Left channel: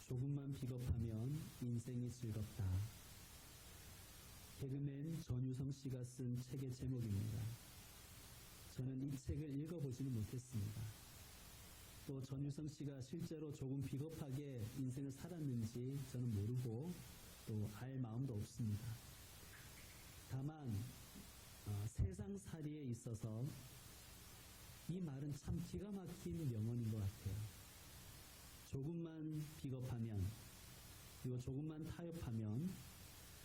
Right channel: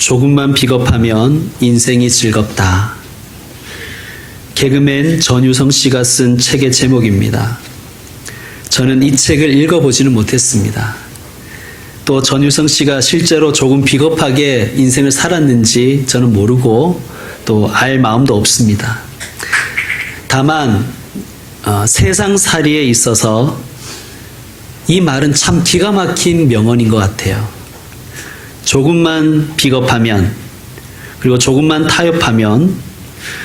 조금만 비겁하면 인생이 즐겁다. 개그맨 전유성 씨가 쓴 책의 제목입니다. 저는 이 책을 읽어보지는 못했습니다. 또 전유성 씨가 실제로 조금 비겁하게 인생을 살았는지 저는 모르고 또 알 마음도 없습니다. 다만 세상살이에 있어서 이 말은 참 기가 막힌 명언인 것 같아요. 조금만 비겁하면, 그리고 조금만 타협하면,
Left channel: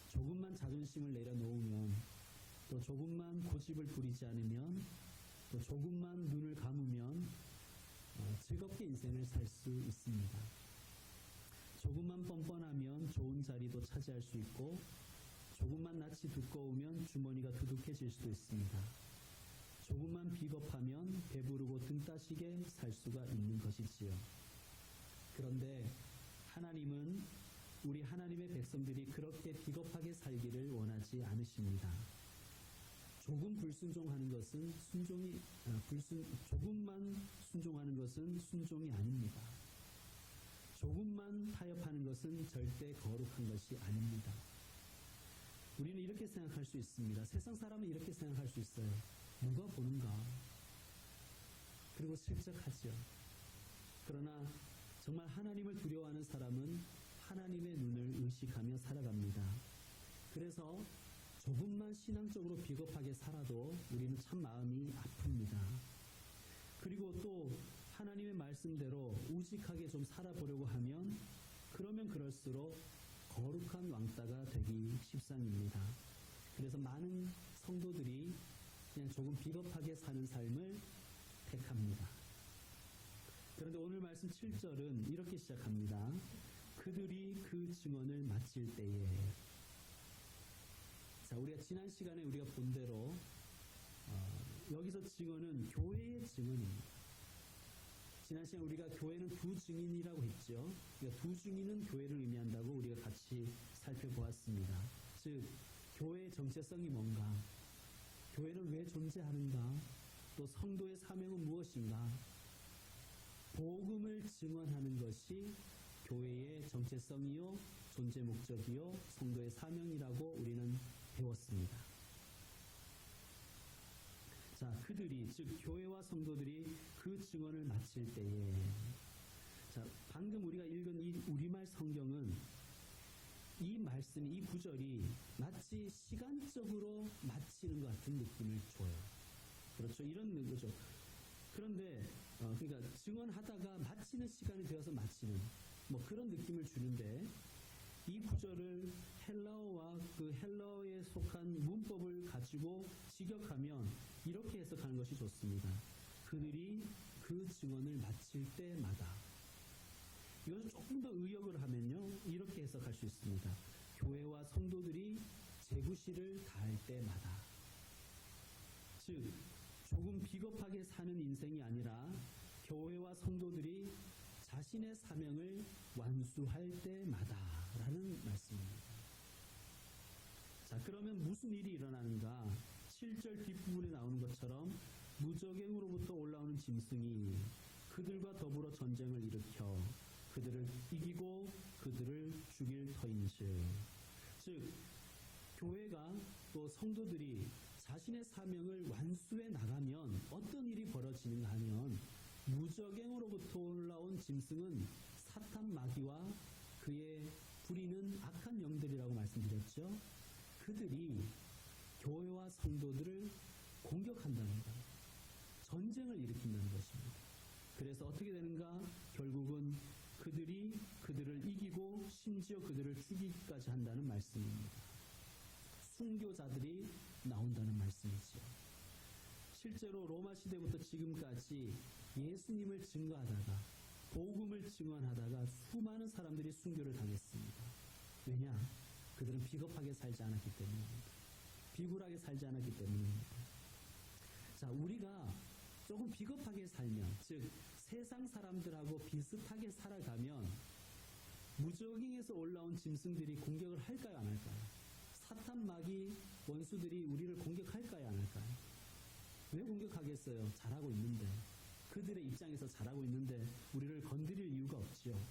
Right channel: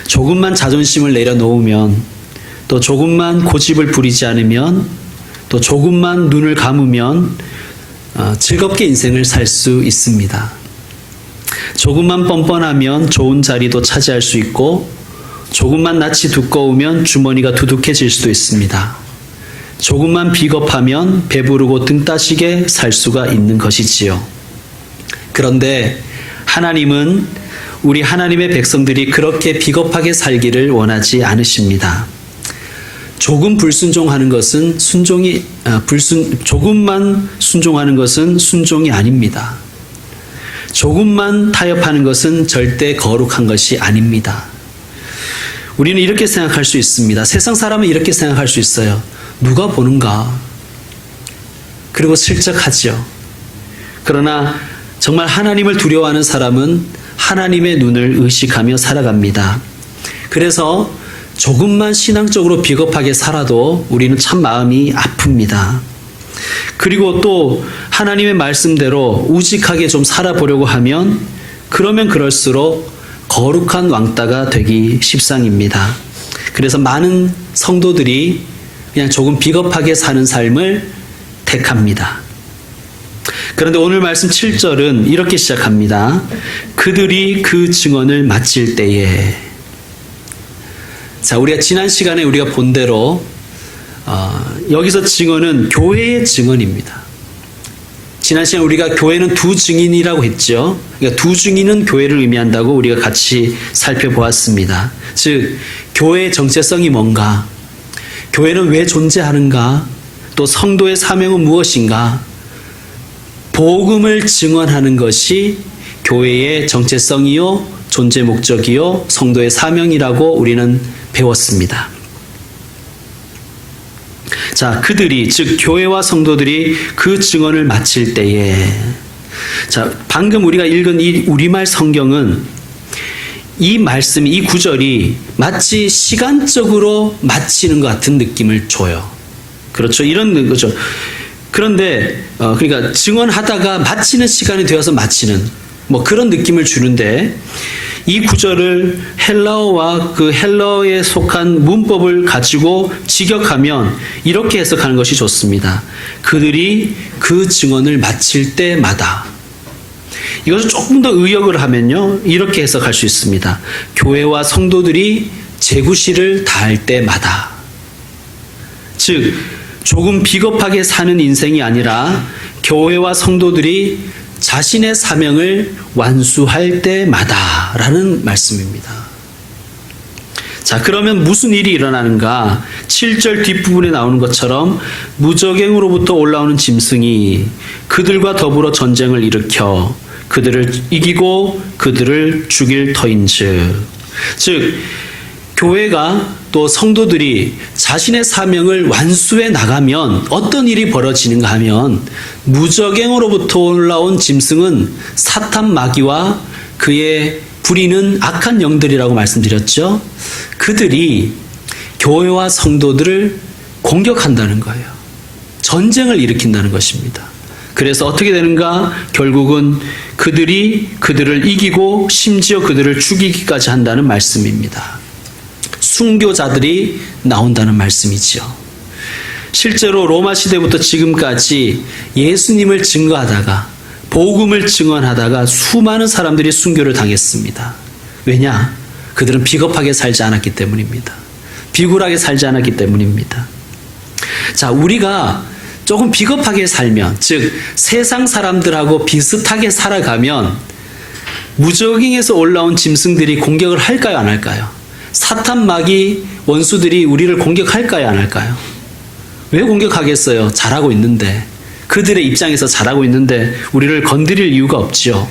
조금만 자존심을 내려놓으면, 또 조금만 고집을 부리지 않으면, 또 조금만 눈을 감으면 즐겁게 인생을 살 수 있습니다. 조금만 뻔뻔하면 좋은 자리도 차지할 수 있고, 조금만 낯이 두꺼우면 주머니가 두둑해질 수도 있습니다. 조금만 비겁하면 배부르고 등 따시게 살 수가 있는 것이지요. 그런데 하나님은 우리 하나님의 백성들이 그렇게 비겁하게 살기를 원하지 않으십니다. 조금 불순종하는 것은 조금만 순종하는 것은 순종이 아닙니다. 조금만 타협하는 것은 절대 거룩한 것이 아닙니다. 우리는 이렇게 생각할 수 있습니다. 세상 사람은 이렇게 생각할 수 있어요. 누가 보는가? 그리고 슬쩍 하죠. 그러나 정말 하나님을 두려워하는 사람은 하나님의 눈을 의식하며 살아갑니다. 그래서 조금만 신앙적으로 비겁하게 살아도 우리는 참 마음이 아픕니다. 그리고 또 하나님의 말씀대로 우직하게 좀 살아보려고 하면 그러면 그럴수록 거룩한 왕따가 되기 십상입니다. 그래서 많은 성도들이 그냥 조금 비겁하게 사는 삶을 택합니다. 그런데 오늘 말씀 7절은 이렇게 시작합니다. 그들이 그 증언을 마칠 때에. 자, 우리가 지난 시간에 우리가 본 대로 여기서 증언은 교회의 증언입니다. 지난 시간에 우리가 교회는 두 증인이라고 했죠. 그러니까 두 증인은 교회를 의미한다고 우리가 같이 살펴보았습니다. 즉, 교회의 정체성이 뭔가, 교회는 왜 존재하는가, 또 성도의 사명은 무엇인가, 복음을 증언하는 것이 교회의 정체성이요, 존재 목적이요, 성도의 사명이라고 우리는 배웠습니다. 자, 그들이, 즉 교회와 성도들이 그 증언을 마칠 때에, 자, 방금 우리가 읽은 이 우리말 성경은 이 말씀, 이 구절이 마치 시간적으로 마치는 것 같은 느낌을 줘요. 그렇죠? 이런 거죠. 그런데 그러니까 증언하다가 마치는 시간이 되어서 마치는 그런 느낌을 주는데, 이 구절을 헬라어와 그 헬라어에 속한 문법을 가지고 직역하면 이렇게 해석하는 것이 좋습니다. 그들이 그 증언을 마칠 때마다. 이것을 조금 더 의역을 하면요, 이렇게 해석할 수 있습니다. 교회와 성도들이 제구실을 다할 때마다. 즉, 조금 비겁하게 사는 인생이 아니라 교회와 성도들이 자신의 사명을 완수할 때마다 라는 말씀입니다. 자, 그러면 무슨 일이 일어나는가? 7절 뒷부분에 나오는 것처럼 무적행으로부터 올라오는 짐승이 그들과 더불어 전쟁을 일으켜 그들을 이기고 그들을 죽일 터인즉. 즉, 교회가 또 성도들이 자신의 사명을 완수해 나가면 어떤 일이 벌어지는가 하면, 무적행으로부터 올라온 짐승은 사탄 마귀와 그의 부리는 악한 영들이라고 말씀드렸죠. 그들이 교회와 성도들을 공격한다는 거예요. 전쟁을 일으킨다는 것입니다. 그래서 어떻게 되는가? 결국은 그들이 그들을 이기고 심지어 그들을 죽이기까지 한다는 말씀입니다. 순교자들이 나온다는 말씀이죠. 실제로 로마 시대부터 지금까지 예수님을 증거하다가, 복음을 증언하다가 수많은 사람들이 순교를 당했습니다. 왜냐? 그들은 비겁하게 살지 않았기 때문입니다. 비굴하게 살지 않았기 때문입니다. 자, 우리가 조금 비겁하게 살면, 즉 세상 사람들하고 비슷하게 살아가면 무적행에서 올라온 짐승들이 공격을 할까요, 안 할까요? 사탄 마귀 원수들이 우리를 공격할까요, 안 할까요? 왜 공격하겠어요? 잘하고 있는데. 그들의 입장에서 잘하고 있는데 우리를 건드릴 이유가 없지요.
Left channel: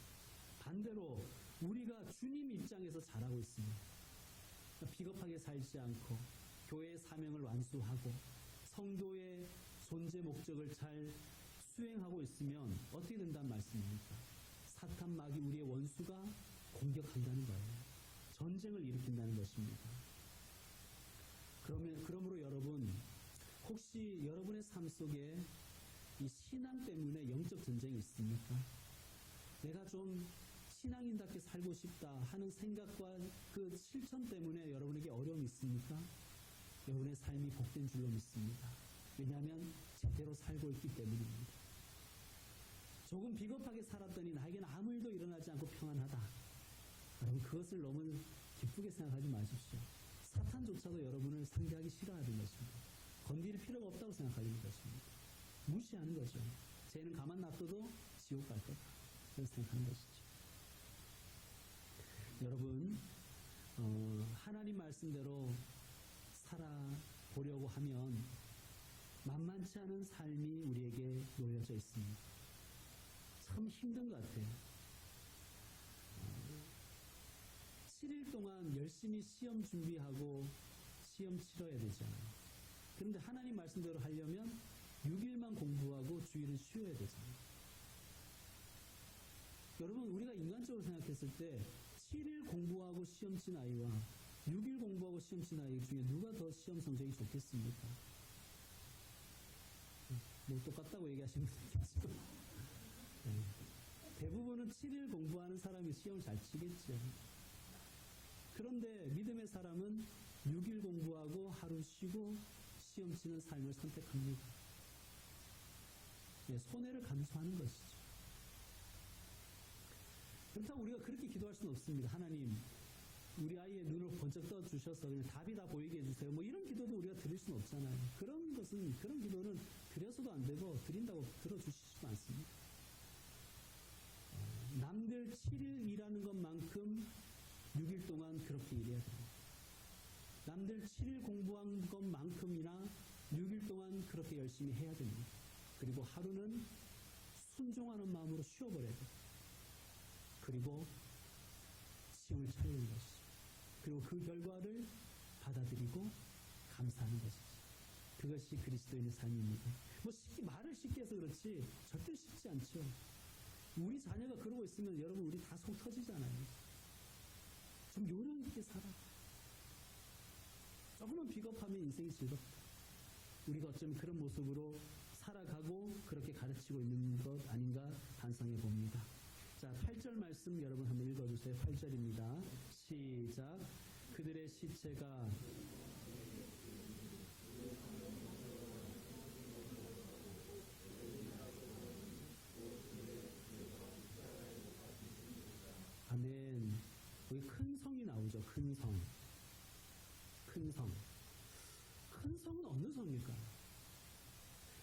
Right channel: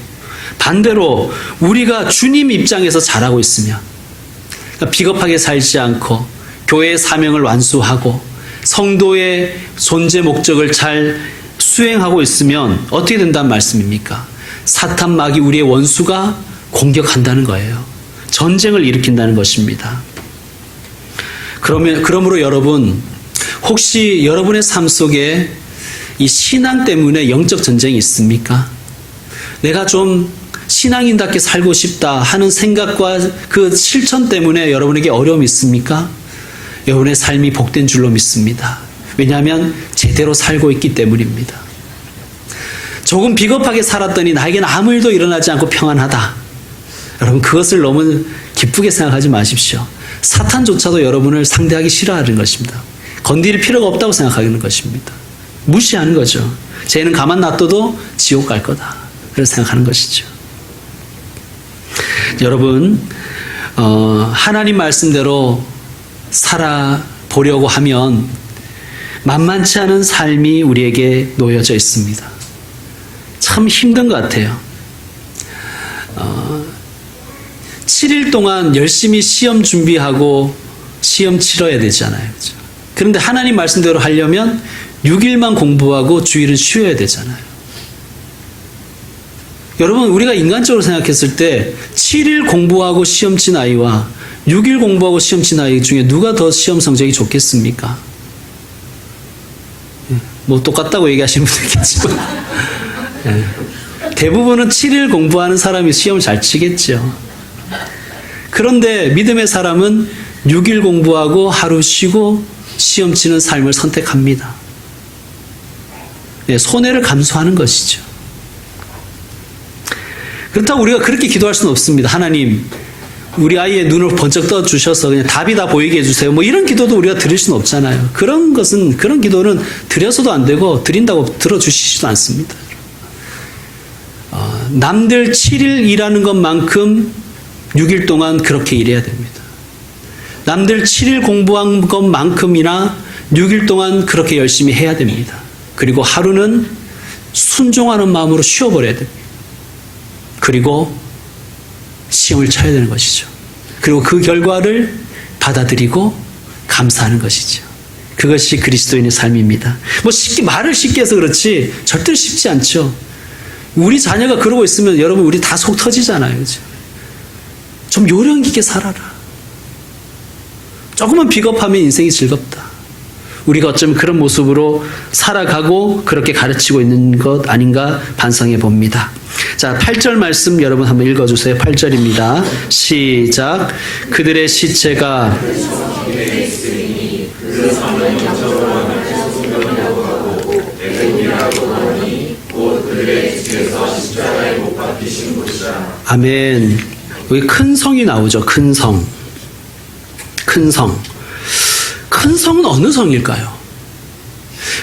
반대로 우리가 주님 입장에서 잘하고 있으면, 그러니까 비겁하게 살지 않고 교회의 사명을 완수하고 성도의 존재 목적을 잘 수행하고 있으면 어떻게 된다는 말씀입니까? 사탄 마귀 우리의 원수가 공격한다는 거예요. 전쟁을 일으킨다는 것입니다. 그러므로 여러분, 혹시 여러분의 삶 속에 이 신앙 때문에 영적 전쟁이 있습니까? 내가 좀 신앙인답게 살고 싶다 하는 생각과 그 실천 때문에 여러분에게 어려움이 있습니까? 여러분의 삶이 복된 줄로 믿습니다. 왜냐하면 제대로 살고 있기 때문입니다. 조금 비겁하게 살았더니 나에게는 아무 일도 일어나지 않고 평안하다. 여러분, 그것을 너무 기쁘게 생각하지 마십시오. 사탄조차도 여러분을 상대하기 싫어하는 것입니다. 건드릴 필요가 없다고 생각하는 것입니다. 무시하는 거죠. 쟤는 가만 놔둬도 지옥 갈 거다. 그렇게 생각하는 것이죠. 여러분, 하나님 말씀대로 살아보려고 하면 만만치 않은 삶이 우리에게 놓여져 있습니다. 참 힘든 것 같아요. 7일 동안 열심히 시험 준비하고 시험 치러야 되잖아요. 그렇죠? 그런데 하나님 말씀대로 하려면 6일만 공부하고 주일은 쉬어야 되잖아요. 여러분, 우리가 인간적으로 생각했을 때 7일 공부하고 시험 친 아이와 6일 공부하고 시험 친 아이 중에 누가 더 시험 성적이 좋겠습니까? 뭐 똑같다고 얘기하시는 분도 있겠지만 대부분은 7일 공부하는 사람이 시험을 잘 치겠죠. 그런데 믿음의 사람은 6일 공부하고 하루 쉬고 시험 치는 삶을 선택합니다. 손해를 감수하는 것이죠. 그렇다고 우리가 그렇게 기도할 수는 없습니다. 하나님, 우리 아이의 눈을 번쩍 떠주셔서 그냥 답이 다 보이게 해주세요. 뭐 이런 기도도 우리가 드릴 수는 없잖아요. 그런 기도는 드려서도 안 되고 드린다고 들어주시지도 않습니다. 남들 7일 일하는 것만큼 6일 동안 그렇게 일해야 됩니다. 남들 7일 공부한 것만큼이나 6일 동안 그렇게 열심히 해야 됩니다. 그리고 하루는 순종하는 마음으로 쉬어버려야 됩니다. 그리고 시험을 쳐야 되는 것이죠. 그리고 그 결과를 받아들이고 감사하는 것이죠. 그것이 그리스도인의 삶입니다. 뭐 말을 쉽게 해서 그렇지 절대로 쉽지 않죠. 우리 자녀가 그러고 있으면 여러분 우리 다 속 터지잖아요. 그렇죠? 좀 요령 있게 살아라. 조금만 비겁하면 인생이 즐겁다. 우리가 어쩌면 그런 모습으로 살아가고 그렇게 가르치고 있는 것 아닌가 반성해 봅니다. 자, 8절 말씀 여러분 한번 읽어주세요. 8절입니다. 시작. 그들의 시체가 아멘. 여기 큰 성이 나오죠. 큰 성. 큰 성. 큰 성은 어느 성일까요?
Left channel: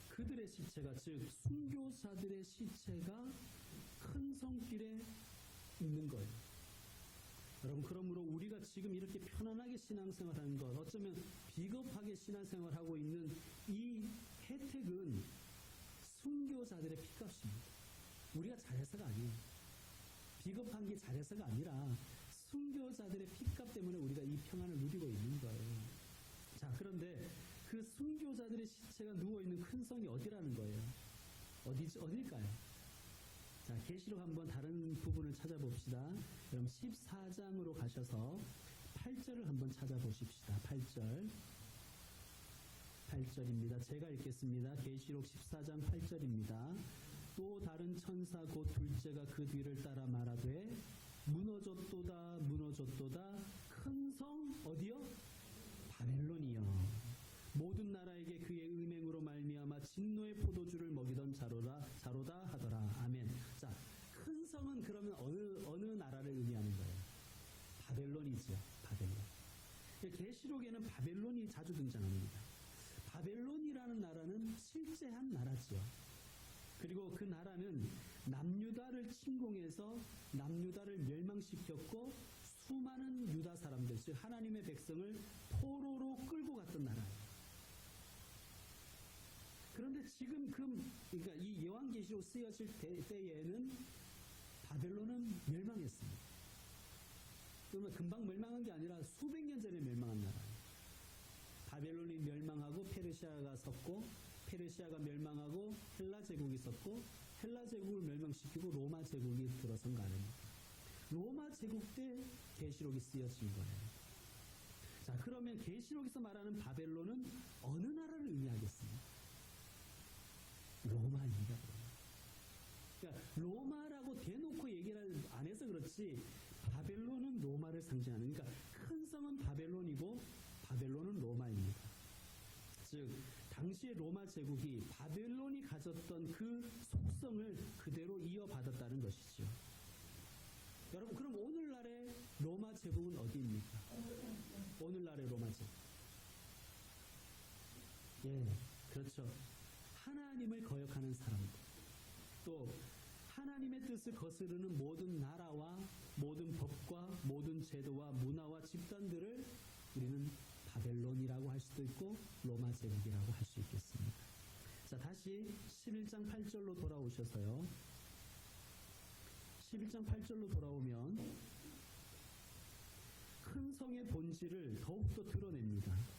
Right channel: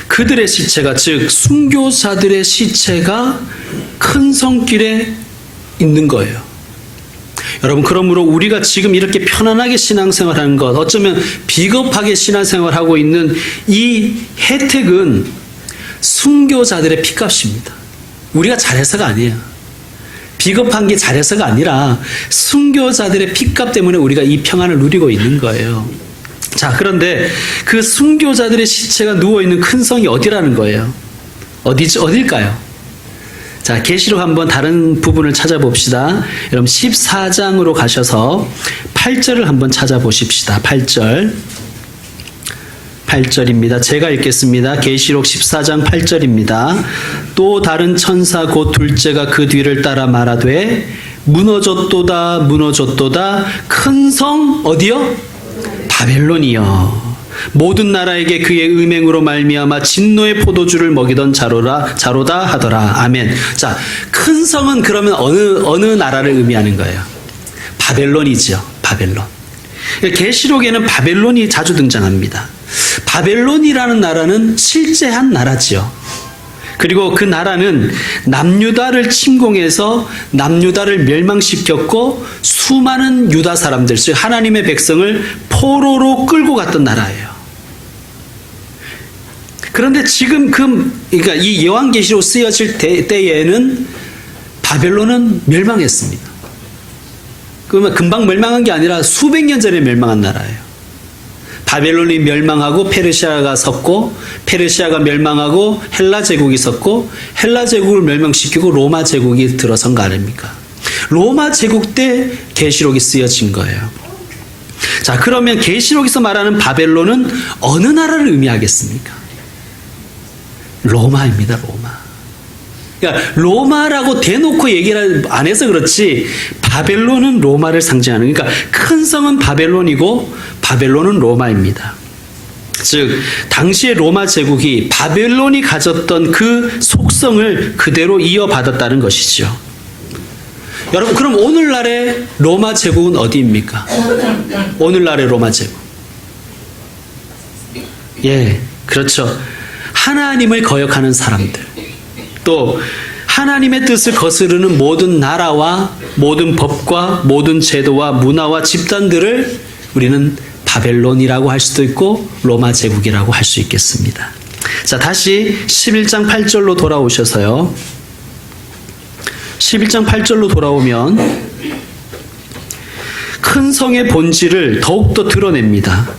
그들의 시체가, 즉 순교자들의 시체가 큰 성길에 있는 거예요. 여러분, 그러므로 우리가 지금 이렇게 편안하게 신앙생활하는 것, 어쩌면 비겁하게 신앙생활하고 있는 이 혜택은 순교자들의 피값입니다. 우리가 잘해서가 아니에요. 비겁한 게 잘해서가 아니라 순교자들의 피값 때문에 우리가 이 평안을 누리고 있는 거예요. 자, 그런데 그 순교자들의 시체가 누워있는 큰 성이 어디라는 거예요? 어딜까요? 자, 계시록 한번 다른 부분을 찾아봅시다. 여러분 14장으로 가셔서 8절을 한번 찾아보십시다. 8절입니다. 제가 읽겠습니다. 계시록 14장 8절입니다. 또 다른 천사 곧 둘째가 그 뒤를 따라 말하되 무너졌도다 무너졌도다 큰 성 어디요? 바벨론이여. 모든 나라에게 그의 음행으로 말미암아 진노의 포도주를 먹이던 자로다 하더라. 아멘. 자, 큰 성은 그러면 어느 나라를 의미하는 거예요? 바벨론이죠. 바벨론. 계시록에는 바벨론이 자주 등장합니다. 바벨론이라는 나라는 실제한 나라지요. 그리고 그 나라는 남유다를 침공해서 남유다를 멸망시켰고 수많은 유다 사람들, 즉 하나님의 백성을 포로로 끌고 갔던 나라예요. 그런데 지금 그러니까 이 요한계시록 쓰여질 때에는 바벨론은 멸망했습니다. 그러면 금방 멸망한 게 아니라 수백 년 전에 멸망한 나라예요. 바벨론이 멸망하고 페르시아가 섰고, 페르시아가 멸망하고 헬라 제국이 섰고, 헬라 제국을 멸망시키고 로마 제국이 들어선 거 아닙니까? 로마 제국 때 계시록이 쓰여진 거예요. 자, 그러면 계시록에서 말하는 바벨론은 어느 나라를 의미하겠습니까? 로마입니다. 로마. 그러니까 로마라고 대놓고 얘기를 안 해서 그렇지 바벨론은 로마를 상징하는, 그러니까 큰 성은 바벨론이고 바벨론은 로마입니다. 즉 당시의 로마 제국이 바벨론이 가졌던 그 속성을 그대로 이어받았다는 것이죠. 여러분, 그럼 오늘날의 로마 제국은 어디입니까? 오늘날의 로마 제국. 예, 그렇죠. 하나님을 거역하는 사람들, 또 하나님의 뜻을 거스르는 모든 나라와 모든 법과 모든 제도와 문화와 집단들을 우리는 바벨론이라고 할 수도 있고 로마 제국이라고 할 수 있겠습니다. 자, 다시 11장 8절로 돌아오셔서요. 11장 8절로 돌아오면 큰 성의 본질을 더욱더 드러냅니다.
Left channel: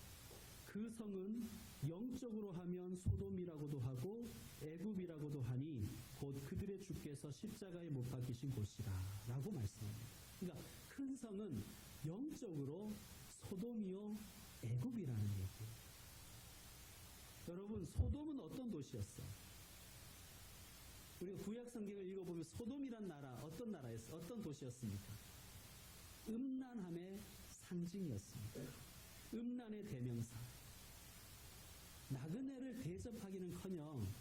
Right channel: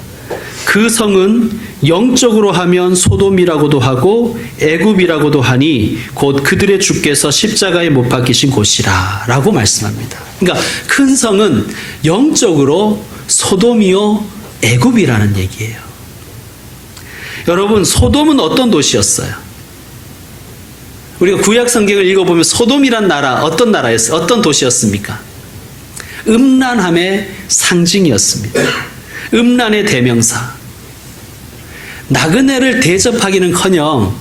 그 성은 영적으로 하면 소돔이라고도 하고 애굽이라고도 하니 곧 그들의 주께서 십자가에 못 박히신 곳이라 라고 말씀합니다. 그러니까 큰 성은 영적으로 소돔이요 애굽이라는 얘기예요. 여러분, 소돔은 어떤 도시였어요? 우리가 구약 성경을 읽어보면 소돔이란 나라, 어떤 나라였어요? 어떤 도시였습니까? 음란함의 상징이었습니다. 음란의 대명사. 나그네를 대접하기는커녕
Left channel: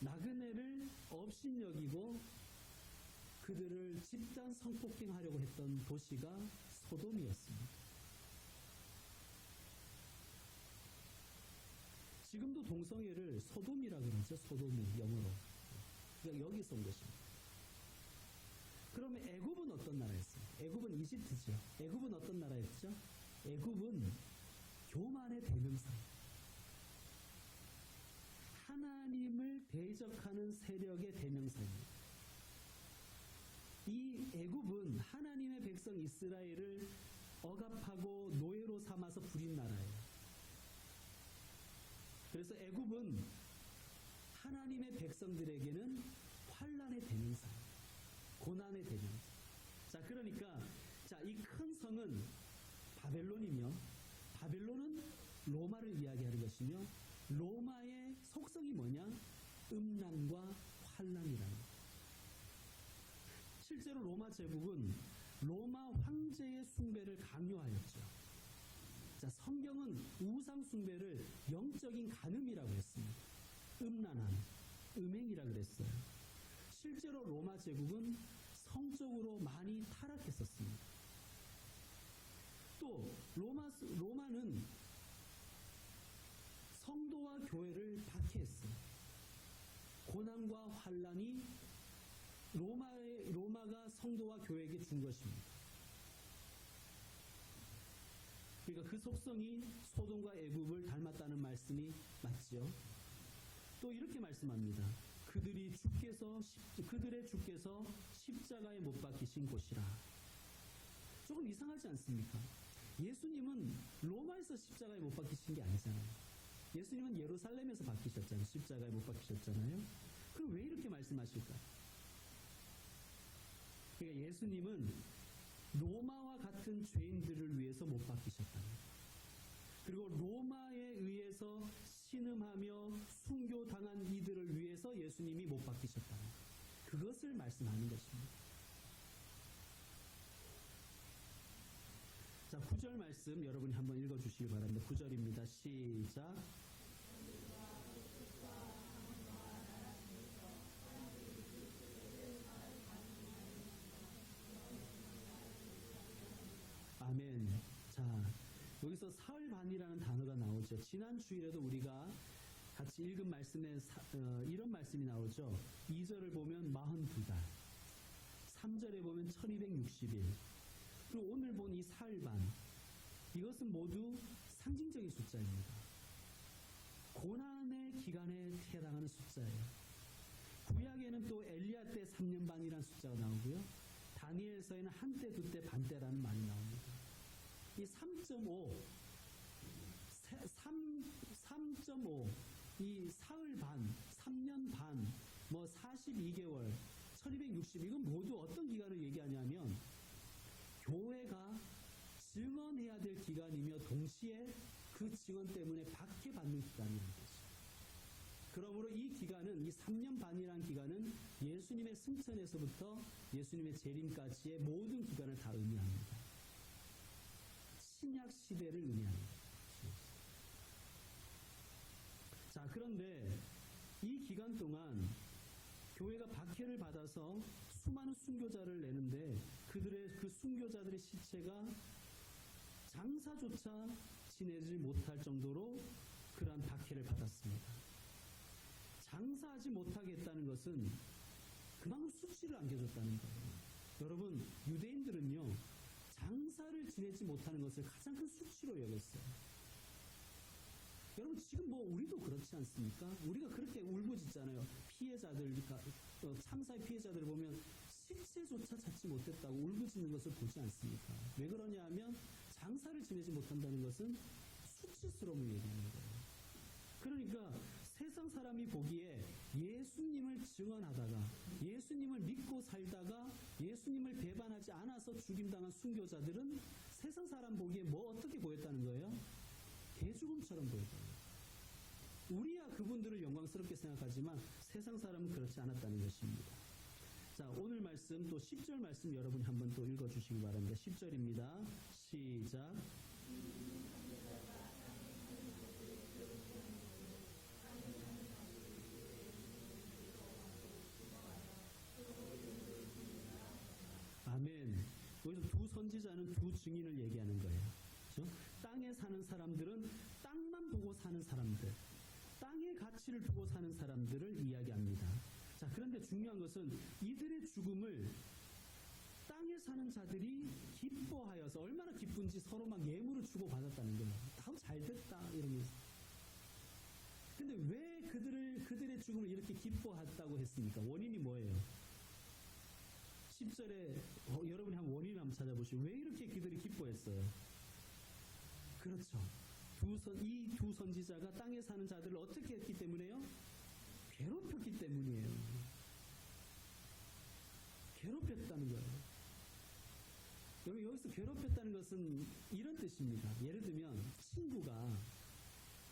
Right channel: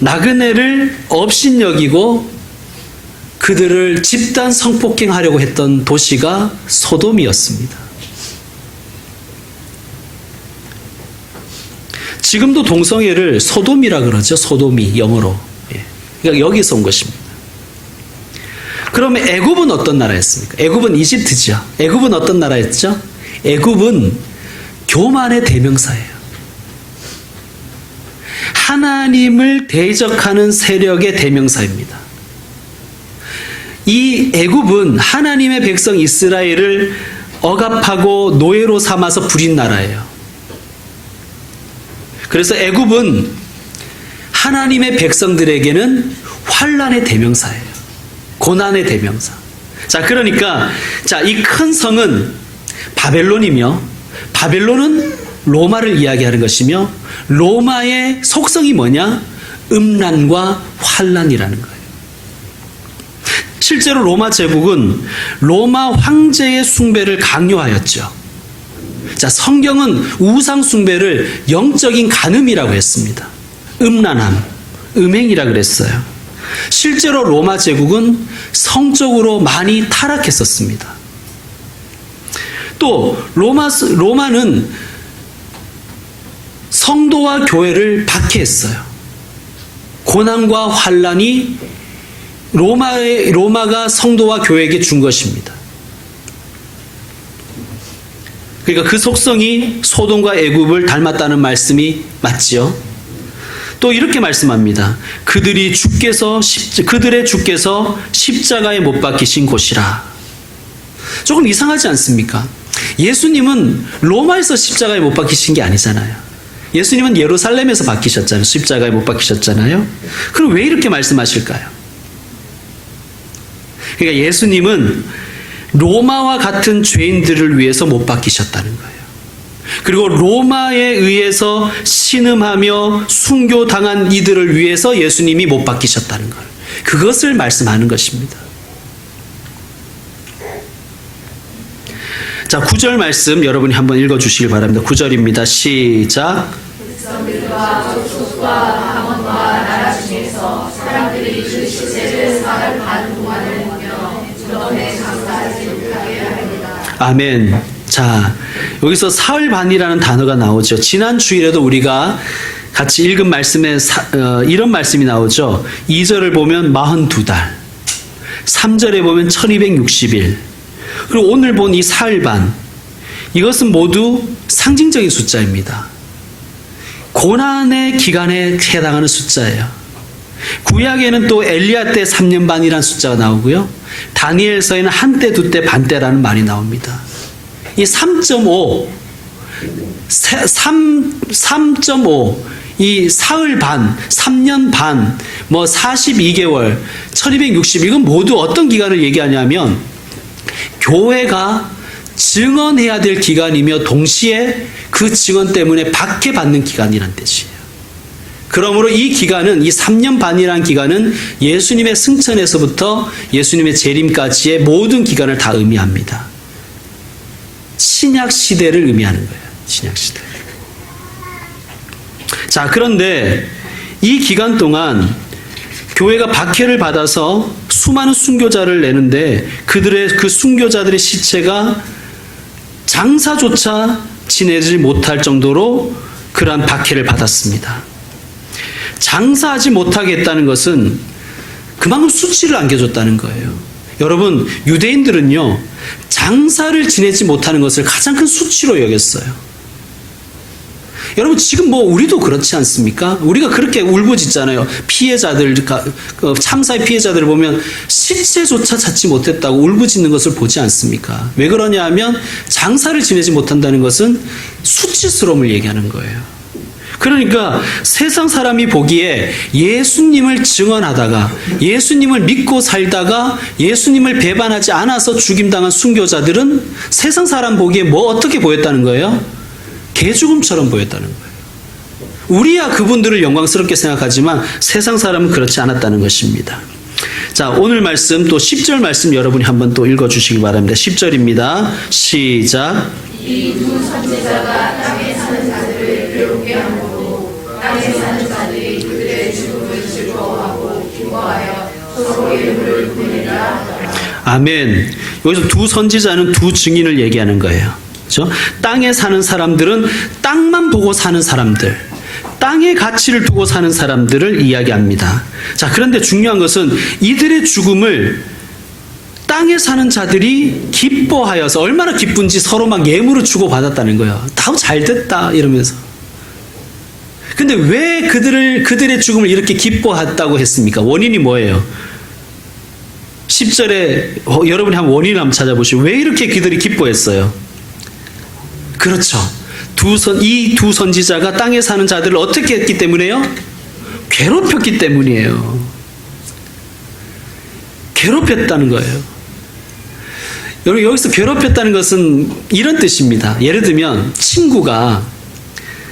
나그네를 업신여기고 그들을 집단 성폭행하려고 했던 도시가 소돔이었습니다. 지금도 동성애를 소돔이라 그러죠. 소돔이 영어로. 그러니까 여기서 온 것입니다. 그러면 애굽은 어떤 나라였습니까? 애굽은 이집트죠. 애굽은 어떤 나라였죠? 애굽은 교만의 대명사예요. 하나님을 대적하는 세력의 대명사입니다. 이 애굽은 하나님의 백성 이스라엘을 억압하고 노예로 삼아서 부린 나라예요. 그래서 애굽은 하나님의 백성들에게는 환난의 대명사예요. 고난의 대명사. 자, 그러니까 이 큰 성은 바벨론이며 바벨론은 로마를 이야기하는 것이며 로마의 속성이 뭐냐? 음란과 환난이라는 거예요. 실제로 로마 제국은 로마 황제의 숭배를 강요하였죠. 자, 성경은 우상 숭배를 영적인 간음이라고 했습니다. 음란함, 음행이라 그랬어요. 실제로 로마 제국은 성적으로 많이 타락했었습니다. 또 로마는 성도와 교회를 박해했어요. 고난과 환난이 로마가 성도와 교회에게 준 것입니다. 그러니까 그 속성이 소돔과 애굽을 닮았다는 말씀이 맞지요. 또 이렇게 말씀합니다. 그들의 주께서 십자가에 못 박히신 곳이라. 조금 이상하지 않습니까? 예수님은 로마에서 십자가에 못 박히신 게 아니잖아요. 예수님은 예루살렘에서 박히셨잖아요. 십자가에 못 박히셨잖아요. 그럼 왜 이렇게 말씀하실까요? 그러니까 예수님은 로마와 같은 죄인들을 위해서 못 박히셨다는 거예요. 그리고 로마에 의해서 신음하며 순교당한 이들을 위해서 예수님이 못 박히셨다는 것. 그것을 말씀하는 것입니다. 자, 9절 말씀 여러분이 한번 읽어주시길 바랍니다. 9절입니다. 시작. 백성들과 족속과 방언과 나라 중에서 사람들이 그 시체를 사흘 반 동안을 보며 주님의 감사하지 못하게 합니다. 아멘. 자, 여기서 사흘 반이라는 단어가 나오죠. 지난 주일에도 우리가 같이 읽은 말씀에 이런 말씀이 나오죠. 2절을 보면 42달, 3절에 보면 1260일, 그리고 오늘 본 이 사흘 반, 이것은 모두 상징적인 숫자입니다. 고난의 기간에 해당하는 숫자예요. 구약에는 또 엘리야 때 3년 반이라는 숫자가 나오고요. 다니엘서에는 한때, 두때, 반때라는 말이 나옵니다. 이 3.5, 이 사흘 반, 3년 반, 뭐 42개월, 1260, 이건 모두 어떤 기간을 얘기하냐면 교회가 증언해야 될 기간이며 동시에 그 증언 때문에 박해받는 기간이란 뜻이에요. 그러므로 이 기간은, 이 3년 반이라는 기간은 예수님의 승천에서부터 예수님의 재림까지의 모든 기간을 다 의미합니다. 신약 시대를 의미하는 거예요. 신약 시대. 자, 그런데 이 기간 동안 교회가 박해를 받아서 수많은 순교자를 내는데 그 순교자들의 시체가 장사조차 지내지 못할 정도로 그러한 박해를 받았습니다. 장사하지 못하게 했다는 것은 그만큼 수치를 안겨줬다는 거예요. 여러분, 유대인들은요, 장사를 지내지 못하는 것을 가장 큰 수치로 여겼어요. 여러분, 지금 뭐 우리도 그렇지 않습니까? 우리가 그렇게 울부짖잖아요. 피해자들, 참사의 피해자들을 보면 시체조차 찾지 못했다고 울부짖는 것을 보지 않습니까? 왜 그러냐 하면 장사를 지내지 못한다는 것은 수치스러움을 얘기하는 거예요. 그러니까 세상 사람이 보기에 예수님을 증언하다가 예수님을 믿고 살다가 예수님을 배반하지 않아서 죽임당한 순교자들은 세상 사람 보기에 뭐 어떻게 보였다는 거예요? 개죽음처럼 보였다는 거예요. 우리야 그분들을 영광스럽게 생각하지만 세상 사람은 그렇지 않았다는 것입니다. 자, 오늘 말씀 또 10절 말씀 여러분이 한번 또 읽어주시기 바랍니다. 10절입니다. 시작. 이 두 선지자가 땅에 사는 자들을 괴롭게 함으로 땅에 사는 자들이 그들의 죽음을 즐거워하고 기뻐하여 서로 이름을 부르리라. 아멘. 여기서 두 선지자는 두 증인을 얘기하는 거예요. 그렇죠? 땅에 사는 사람들은 땅만 보고 사는 사람들, 땅의 가치를 두고 사는 사람들을 이야기합니다. 자, 그런데 중요한 것은 이들의 죽음을 땅에 사는 자들이 기뻐하여서, 얼마나 기쁜지 서로 막 예물을 주고받았다는 거예요. 다 잘 됐다 이러면서. 근데 왜 그들의 죽음을 이렇게 기뻐했다고 했습니까? 원인이 뭐예요? 10절에 여러분이 한번 원인을 한번 찾아보시고, 왜 이렇게 그들이 기뻐했어요? 그렇죠. 이 두 선지자가 땅에 사는 자들을 어떻게 했기 때문에요? 괴롭혔기 때문이에요. 괴롭혔다는 거예요. 여러분, 여기서 괴롭혔다는 것은 이런 뜻입니다. 예를 들면 친구가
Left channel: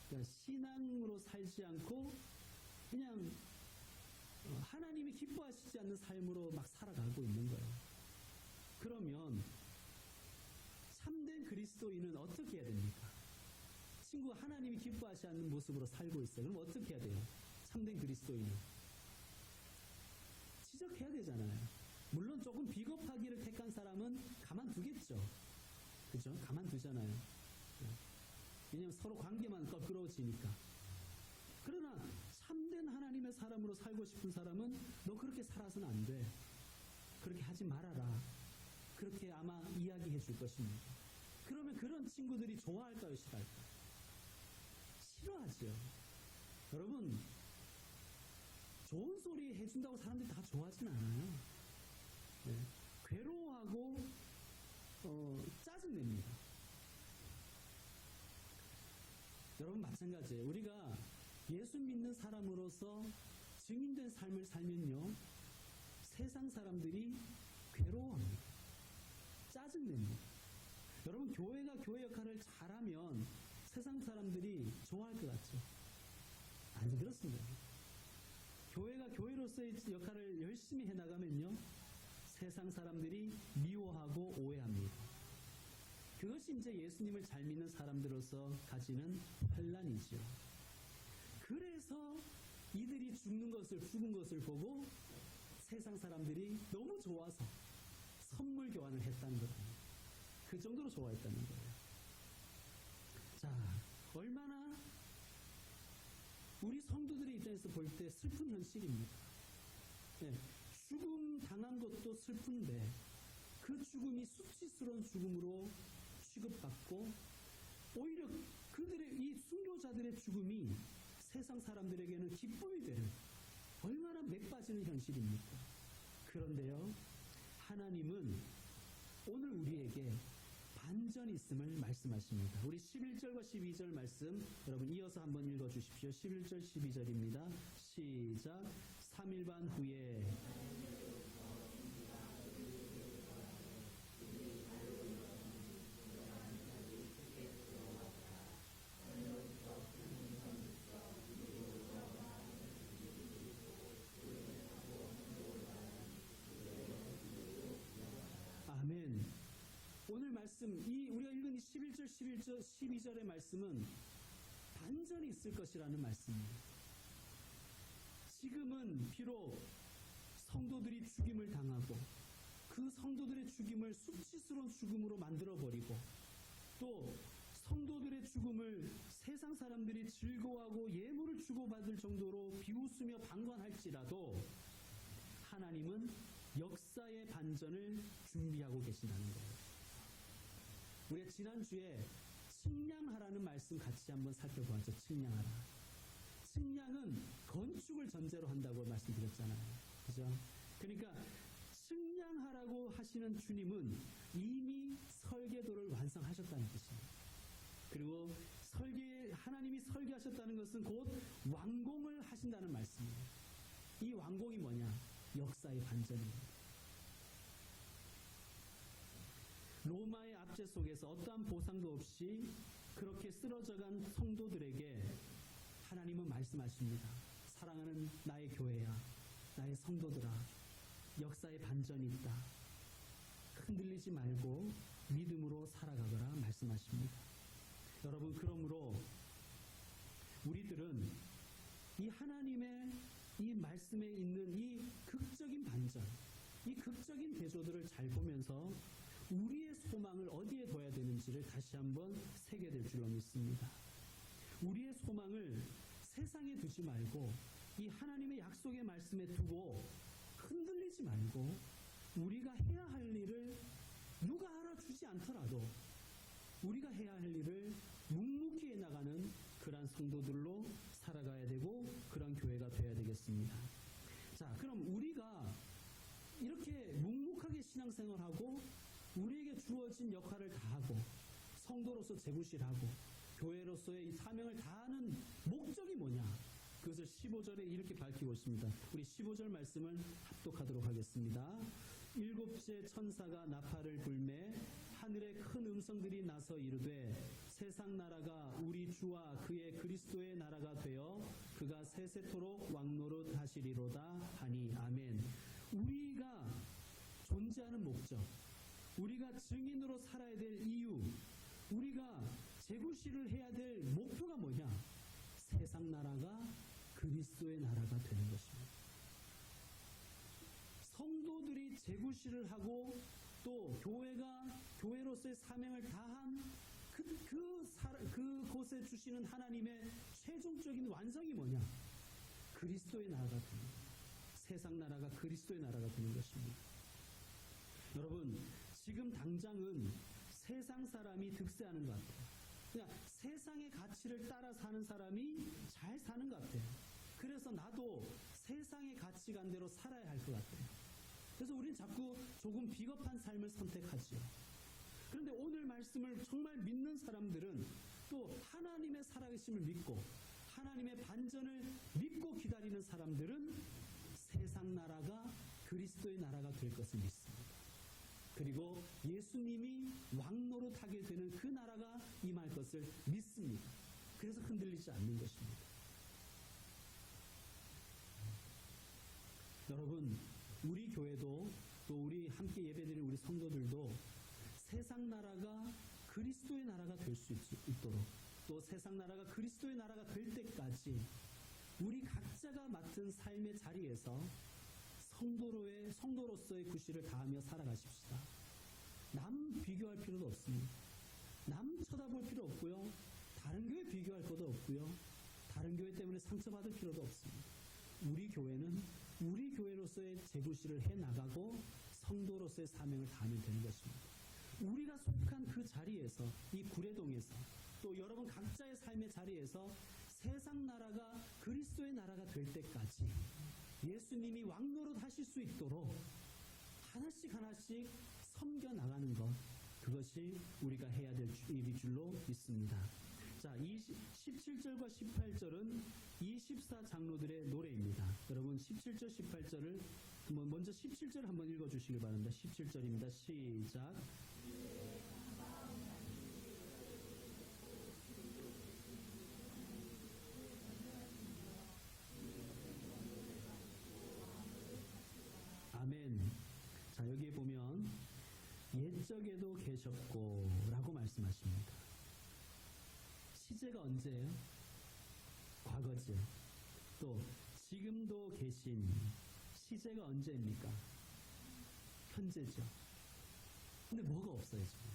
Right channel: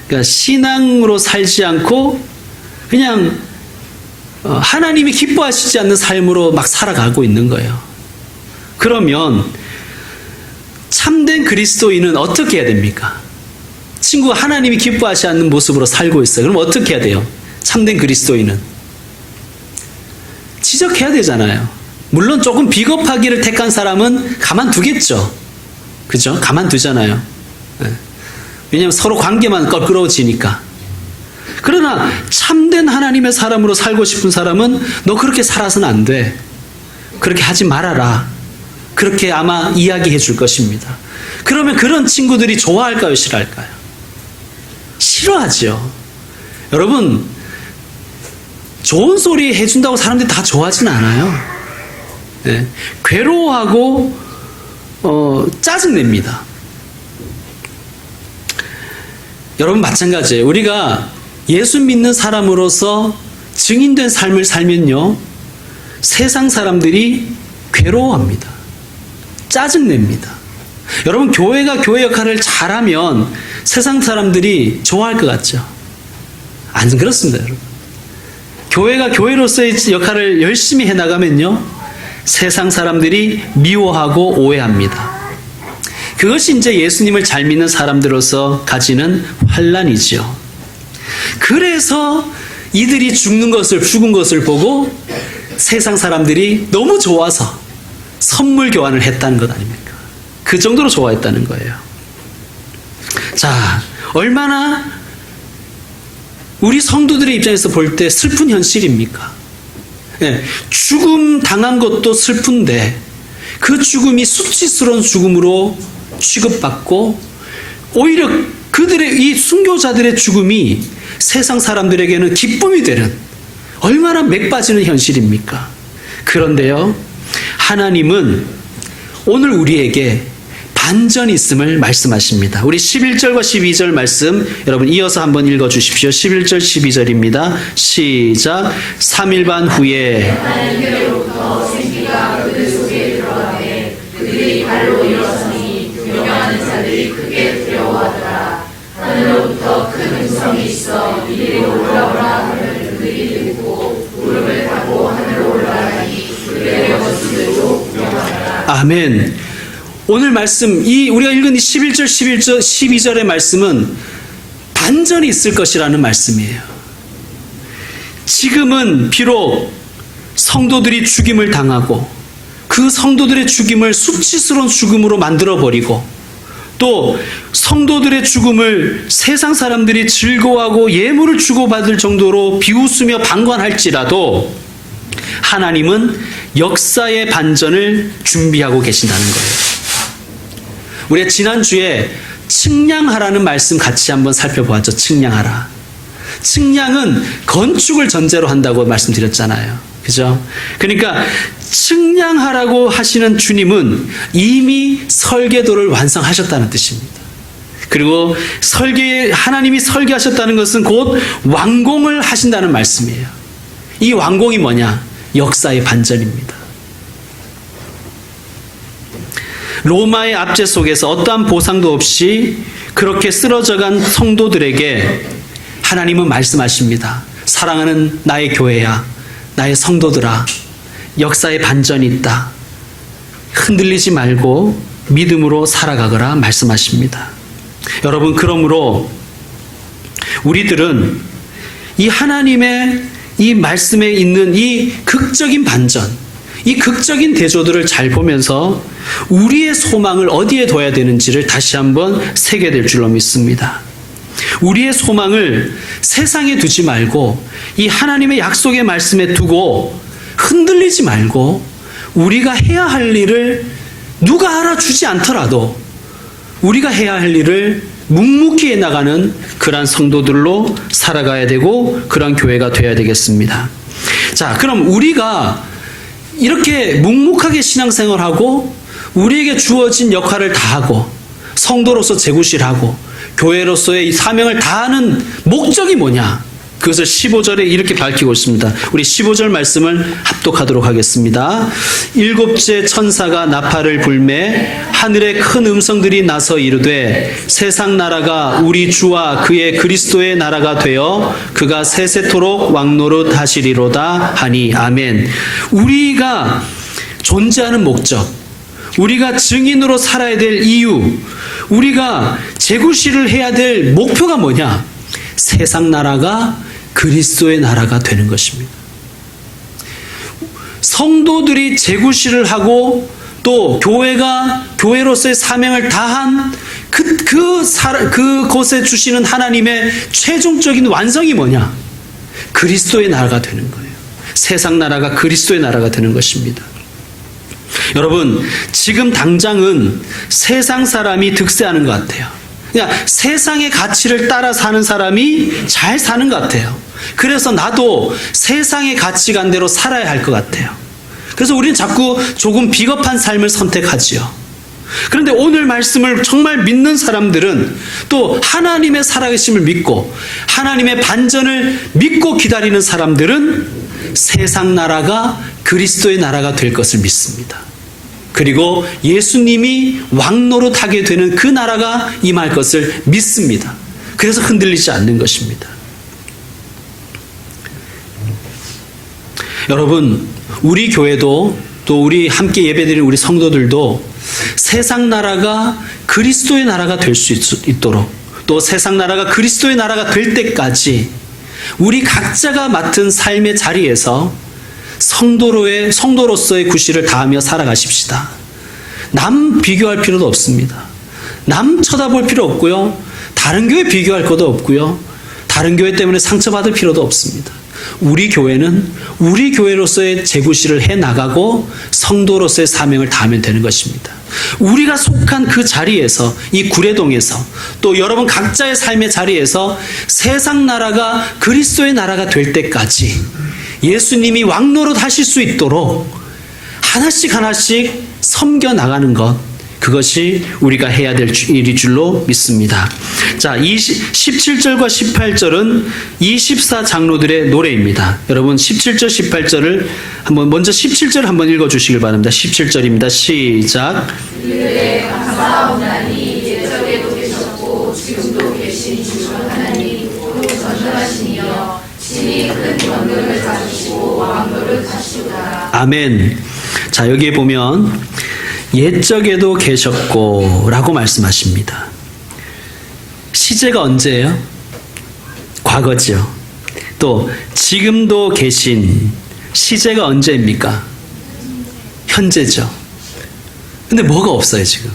그러니까 신앙으로 살지 않고 그냥 하나님이 기뻐하시지 않는 삶으로 막 살아가고 있는 거예요. 그러면 참된 그리스도인은 어떻게 해야 됩니까? 친구가 하나님이 기뻐하지 않는 모습으로 살고 있어요. 그럼 어떻게 해야 돼요? 참된 그리스도인은 지적해야 되잖아요. 물론 조금 비겁하기를 택한 사람은 가만두겠죠. 그죠? 가만두잖아요. 왜냐하면 서로 관계만 껄끄러워지니까. 그러나 참된 하나님의 사람으로 살고 싶은 사람은 너 그렇게 살아서는 안 돼. 그렇게 하지 말아라. 그렇게 아마 이야기해 줄 것입니다. 그러면 그런 친구들이 좋아할까요? 싫어할까요? 싫어하죠. 여러분, 좋은 소리 해준다고 사람들이 다 좋아하진 않아요. 네. 괴로워하고 짜증냅니다. 여러분, 마찬가지예요. 우리가 예수 믿는 사람으로서 증인된 삶을 살면요, 세상 사람들이 괴로워합니다. 짜증냅니다. 여러분, 교회가 교회 역할을 잘하면 세상 사람들이 좋아할 것 같죠? 안 그렇습니다, 여러분. 교회가 교회로서의 역할을 열심히 해나가면요, 세상 사람들이 미워하고 오해합니다. 그것이 이제 예수님을 잘 믿는 사람들로서 가지는 환란이죠. 그래서 이들이 죽은 것을 보고 세상 사람들이 너무 좋아서 선물 교환을 했다는 것 아닙니까? 그 정도로 좋아했다는 거예요. 자, 얼마나 우리 성도들의 입장에서 볼 때 슬픈 현실입니까? 네, 죽음 당한 것도 슬픈데 그 죽음이 수치스러운 죽음으로 취급받고 오히려 그들의 이 순교자들의 죽음이 세상 사람들에게는 기쁨이 되는, 얼마나 맥 빠지는 현실입니까? 그런데요, 하나님은 오늘 우리에게 반전이 있음을 말씀하십니다. 우리 11절과 12절 말씀 여러분 이어서 한번 읽어주십시오. 11절 12절입니다. 시작. 3일 반 후에 하나님께로부터 생기가 그들 속에 들어가되 그들이 발로 일어서니 두려워하는 자들이 크게 두려워하더라. 하늘로부터 큰 음성이 있어 이리로 올라오라 하는 그들이 듣고 무릎을 타고 하늘로 올라가니 그들의 모습들도 구경하더라. 아멘. 오늘 말씀, 우리가 읽은 이 11절, 12절의 말씀은 반전이 있을 것이라는 말씀이에요. 지금은 비록 성도들이 죽임을 당하고 그 성도들의 죽임을 수치스러운 죽음으로 만들어버리고 또 성도들의 죽음을 세상 사람들이 즐거워하고 예물을 주고받을 정도로 비웃으며 방관할지라도 하나님은 역사의 반전을 준비하고 계신다는 거예요. 우리가 지난주에 측량하라는 말씀 같이 한번 살펴보았죠. 측량하라. 측량은 건축을 전제로 한다고 말씀드렸잖아요. 그죠? 그러니까 측량하라고 하시는 주님은 이미 설계도를 완성하셨다는 뜻입니다. 그리고 하나님이 설계하셨다는 것은 곧 완공을 하신다는 말씀이에요. 이 완공이 뭐냐? 역사의 반전입니다. 로마의 압제 속에서 어떠한 보상도 없이 그렇게 쓰러져간 성도들에게 하나님은 말씀하십니다. 사랑하는 나의 교회야, 나의 성도들아, 역사의 반전이 있다. 흔들리지 말고 믿음으로 살아가거라 말씀하십니다. 여러분, 그러므로 우리들은 이 하나님의 이 말씀에 있는 이 극적인 반전, 이 극적인 대조들을 잘 보면서 우리의 소망을 어디에 둬야 되는지를 다시 한번 새게 될 줄로 믿습니다. 우리의 소망을 세상에 두지 말고 이 하나님의 약속의 말씀에 두고 흔들리지 말고 우리가 해야 할 일을 누가 알아주지 않더라도 우리가 해야 할 일을 묵묵히 해나가는 그러한 성도들로 살아가야 되고 그러한 교회가 되어야 되겠습니다. 자, 그럼 우리가 이렇게 묵묵하게 신앙생활하고 우리에게 주어진 역할을 다하고 성도로서 제구실하고 교회로서의 이 사명을 다하는 목적이 뭐냐? 그것을 15절에 이렇게 밝히고 있습니다. 우리 15절 말씀을 합독하도록 하겠습니다. 일곱째 천사가 나팔을 불매 하늘에 큰 음성들이 나서 이르되 세상 나라가 우리 주와 그의 그리스도의 나라가 되어 그가 세세토록 왕노릇 하시리로다 하니 아멘. 우리가 존재하는 목적, 우리가 증인으로 살아야 될 이유, 우리가 제구실을 해야 될 목표가 뭐냐? 세상 나라가 그리스도의 나라가 되는 것입니다. 성도들이 제구실을 하고 또 교회로서의 사명을 다한 그곳에 주시는 하나님의 최종적인 완성이 뭐냐? 그리스도의 나라가 되는 거예요. 세상 나라가 그리스도의 나라가 되는 것입니다. 여러분, 지금 당장은 세상 사람이 득세하는 것 같아요. 그냥 세상의 가치를 따라 사는 사람이 잘 사는 것 같아요. 그래서 나도 세상의 가치관대로 살아야 할 것 같아요. 그래서 우리는 자꾸 조금 비겁한 삶을 선택하지요. 그런데 오늘 말씀을 정말 믿는 사람들은 또 하나님의 살아계심을 믿고 하나님의 반전을 믿고 기다리는 사람들은 세상 나라가 그리스도의 나라가 될 것을 믿습니다. 그리고 예수님이 왕노릇하게 되는 그 나라가 임할 것을 믿습니다. 그래서 흔들리지 않는 것입니다. 여러분, 우리 교회도 또 우리 함께 예배드리는 우리 성도들도 세상 나라가 그리스도의 나라가 될 수 있도록 또 세상 나라가 그리스도의 나라가 될 때까지 우리 각자가 맡은 삶의 자리에서 성도로서의 구실을 다하며 살아가십시다. 남 비교할 필요도 없습니다. 남 쳐다볼 필요 없고요. 다른 교회 비교할 것도 없고요. 다른 교회 때문에 상처받을 필요도 없습니다. 우리 교회는 우리 교회로서의 제구실을 해나가고 성도로서의 사명을 다하면 되는 것입니다. 우리가 속한 그 자리에서, 이 구례동에서 또 여러분 각자의 삶의 자리에서 세상 나라가 그리스도의 나라가 될 때까지 예수님이 왕노릇 하실 수 있도록 하나씩 하나씩 섬겨 나가는 것, 그것이 우리가 해야 될 일일 줄로 믿습니다. 자, 17절과 18절은 24장로들의 노래입니다. 여러분 17절 18절을 먼저 17절 한번 읽어주시길 바랍니다. 17절입니다. 시작. 이들의 감사하오나니 옛적에도 계셨고 지금도 계신 주 하나님 또 전능하시니여 친히 큰 권능을 가지시고 왕노를 하시도다. 아멘. 자, 여기에 보면 옛적에도 계셨고 라고 말씀하십니다. 시제가 언제예요? 과거죠. 또 지금도 계신, 시제가 언제입니까? 현재죠. 근데 뭐가 없어요 지금?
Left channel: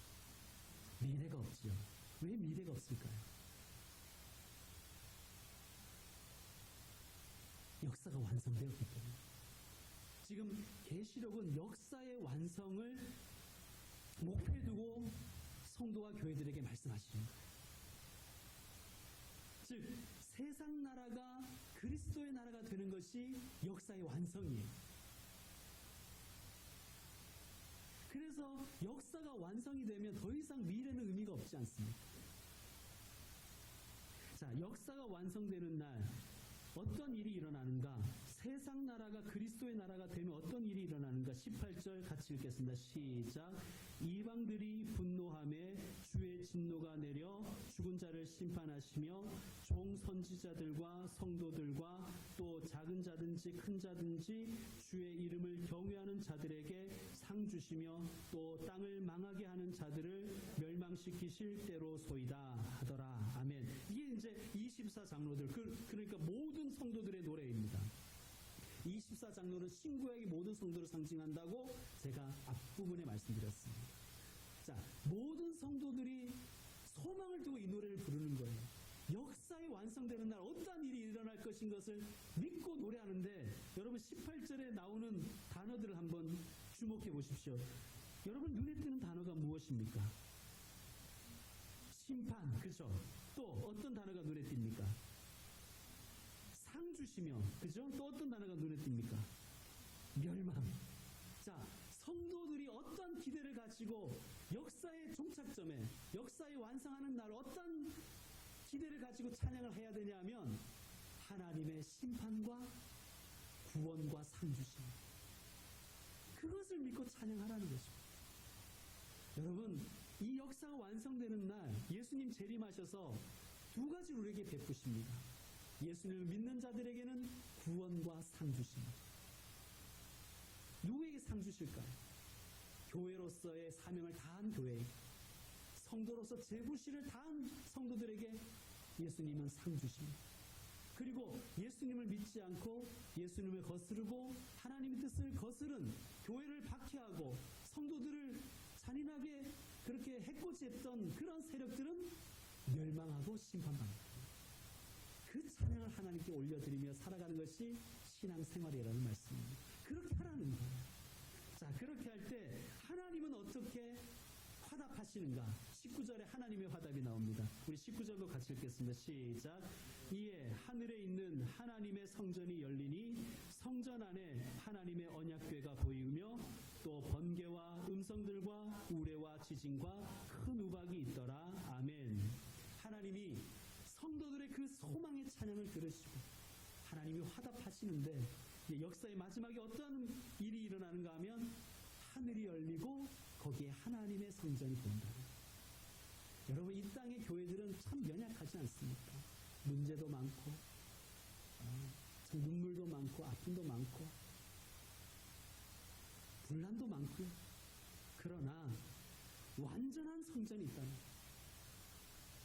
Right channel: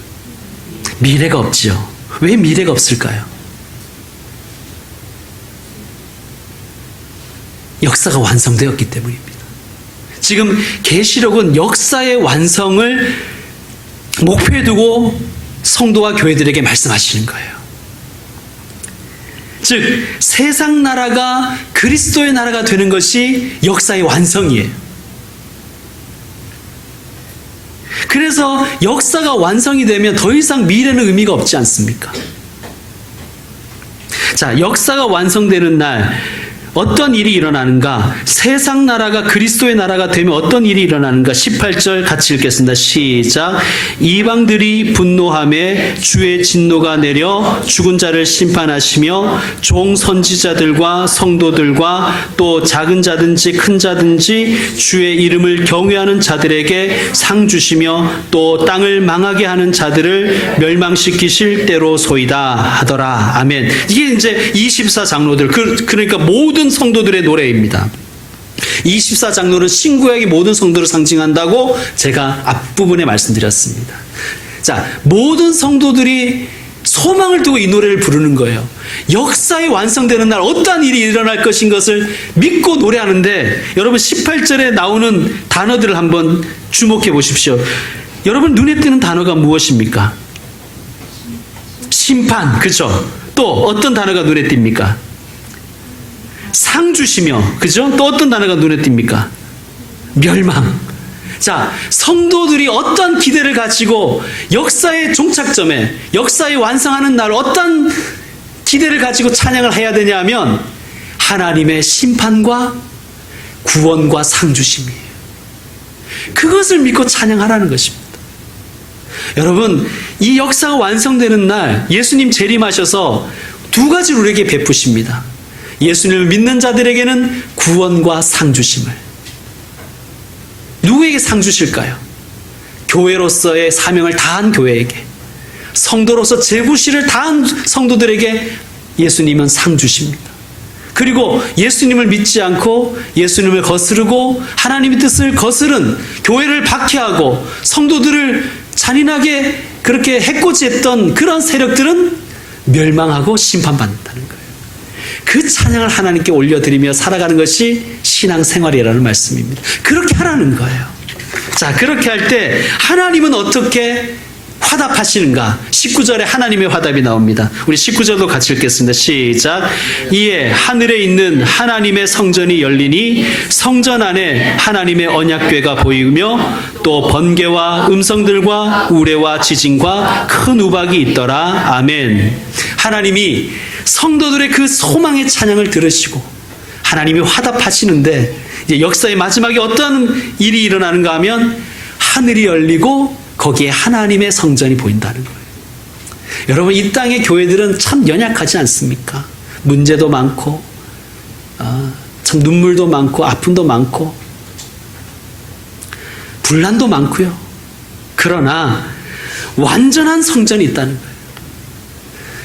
미래가 없지요. 왜 미래가 없을까요? 역사가 완성되었기 때문입니다. 지금 계시록은 역사의 완성을 목표에 두고 성도와 교회들에게 말씀하시는 거예요. 즉 세상 나라가 그리스도의 나라가 되는 것이 역사의 완성이에요. 그래서 역사가 완성이 되면 더 이상 미래는 의미가 없지 않습니까? 자, 역사가 완성되는 날 어떤 일이 일어나는가? 세상 나라가 그리스도의 나라가 되면 어떤 일이 일어나는가? 18절 같이 읽겠습니다. 시작. 이방들이 분노하며 주의 진노가 내려 죽은 자를 심판하시며 종 선지자들과 성도들과 또 작은 자든지 큰 자든지 주의 이름을 경외하는 자들에게 상 주시며 또 땅을 망하게 하는 자들을 멸망시키실 때로소이다 하더라. 아멘. 이게 이제 24장로들, 그러니까 모든 성도들의 노래입니다. 24장로는 신구약의 모든 성도를 상징한다고 제가 앞부분에 말씀드렸습니다. 자, 모든 성도들이 소망을 두고 이 노래를 부르는 거예요. 역사의 완성되는 날 어떠한 일이 일어날 것인 것을 믿고 노래하는데, 여러분 18절에 나오는 단어들을 한번 주목해 보십시오. 여러분 눈에 띄는 단어가 무엇입니까? 심판, 그렇죠? 또 어떤 단어가 눈에 띕니까? 상 주시며, 그죠? 또 어떤 단어가 눈에 띕니까? 멸망. 자, 성도들이 어떤 기대를 가지고 역사의 종착점에, 역사의 완성하는 날 어떤 기대를 가지고 찬양을 해야 되냐 하면 하나님의 심판과 구원과 상 주심이에요. 그것을 믿고 찬양하라는 것입니다. 여러분, 이 역사가 완성되는 날 예수님 재림하셔서 두 가지를 우리에게 베푸십니다. 예수님을 믿는 자들에게는 구원과 상 주심을. 누구에게 상 주실까요? 교회로서의 사명을 다한 교회에게, 성도로서 제구실을 다한 성도들에게 예수님은 상 주십니다. 그리고 예수님을 믿지 않고 예수님을 거스르고 하나님의 뜻을 거스른, 교회를 박해하고 성도들을 잔인하게 그렇게 해코지했던 그런 세력들은 멸망하고 심판받는다는 거예요. 그 찬양을 하나님께 올려드리며 살아가는 것이 신앙생활이라는 말씀입니다. 그렇게 하라는 거예요. 자, 그렇게 할 때 하나님은 어떻게 화답하시는가? 19절에 하나님의 화답이 나옵니다. 우리 19절도 같이 읽겠습니다. 시작. 이에 하늘에 있는 하나님의 성전이 열리니 성전 안에 하나님의 언약궤가 보이며 또 번개와 음성들과 우레와 지진과 큰 우박이 있더라. 아멘. 하나님이 성도들의 그 소망의 찬양을 들으시고 하나님이 화답하시는데, 이제 역사의 마지막에 어떤 일이 일어나는가 하면 하늘이 열리고 거기에 하나님의 성전이 보인다는 거예요. 여러분, 이 땅의 교회들은 참 연약하지 않습니까? 문제도 많고 참 눈물도 많고 아픔도 많고 분란도 많고요. 그러나 완전한 성전이 있다는 거예요.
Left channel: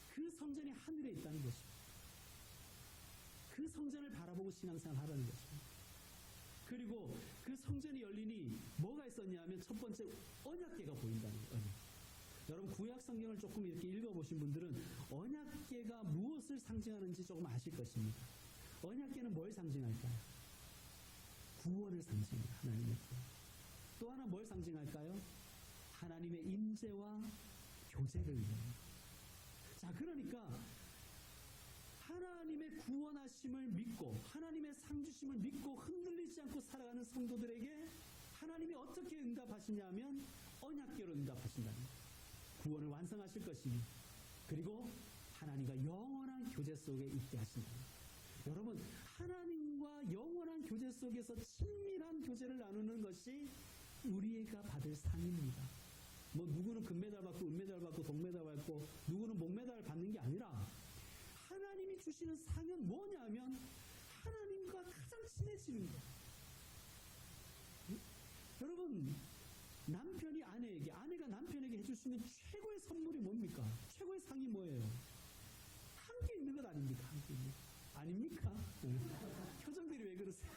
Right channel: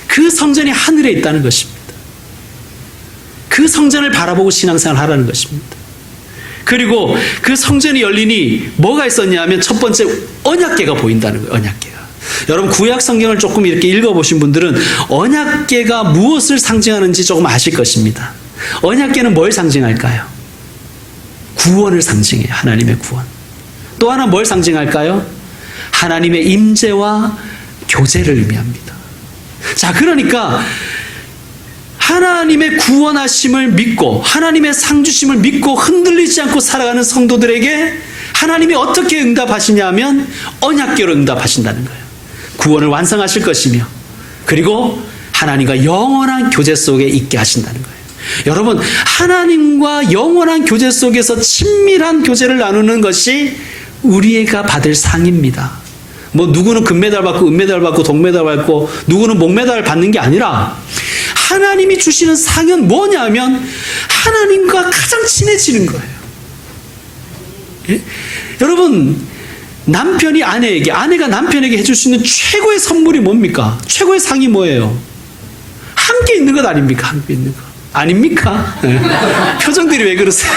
그 성전이 하늘에 있다는 것입니다. 그 성전을 바라보고 신앙생활을 하라는 것입니다. 그리고 그 성전이 열리니 뭐가 있었냐 하면 첫 번째 언약궤가 보인다는 거예요. 언약궤가. 여러분 구약 성경을 조금 이렇게 읽어보신 분들은 언약궤가 무엇을 상징하는지 조금 아실 것입니다. 언약궤는 뭘 상징할까요? 구원을 상징해요. 하나님의 구원. 또 하나 뭘 상징할까요? 하나님의 임재와 교제를 의미합니다. 자, 그러니까 하나님의 구원하심을 믿고 하나님의 상주심을 믿고 흔들리지 않고 살아가는 성도들에게 하나님이 어떻게 응답하시냐 하면 언약궤로 응답하신다는 거예요. 구원을 완성하실 것이며 그리고 하나님과 영원한 교제 속에 있게 하신다는 거예요. 여러분, 하나님과 영원한 교제 속에서 친밀한 교제를 나누는 것이 우리가 받을 상입니다. 뭐 누구는 금메달 받고 은메달 받고 동메달 받고 누구는 목메달 받는 게 아니라 하나님이 주시는 상은 뭐냐면 하나님과 가장 친해지는 거예요. 예? 여러분, 남편이 아내에게, 아내가 남편에게 해줄 수 있는 최고의 선물이 뭡니까? 최고의 상이 뭐예요? 함께 있는 것 아닙니까? 함께 있는 것. 아닙니까? 예. 표정들이 왜 그러세요?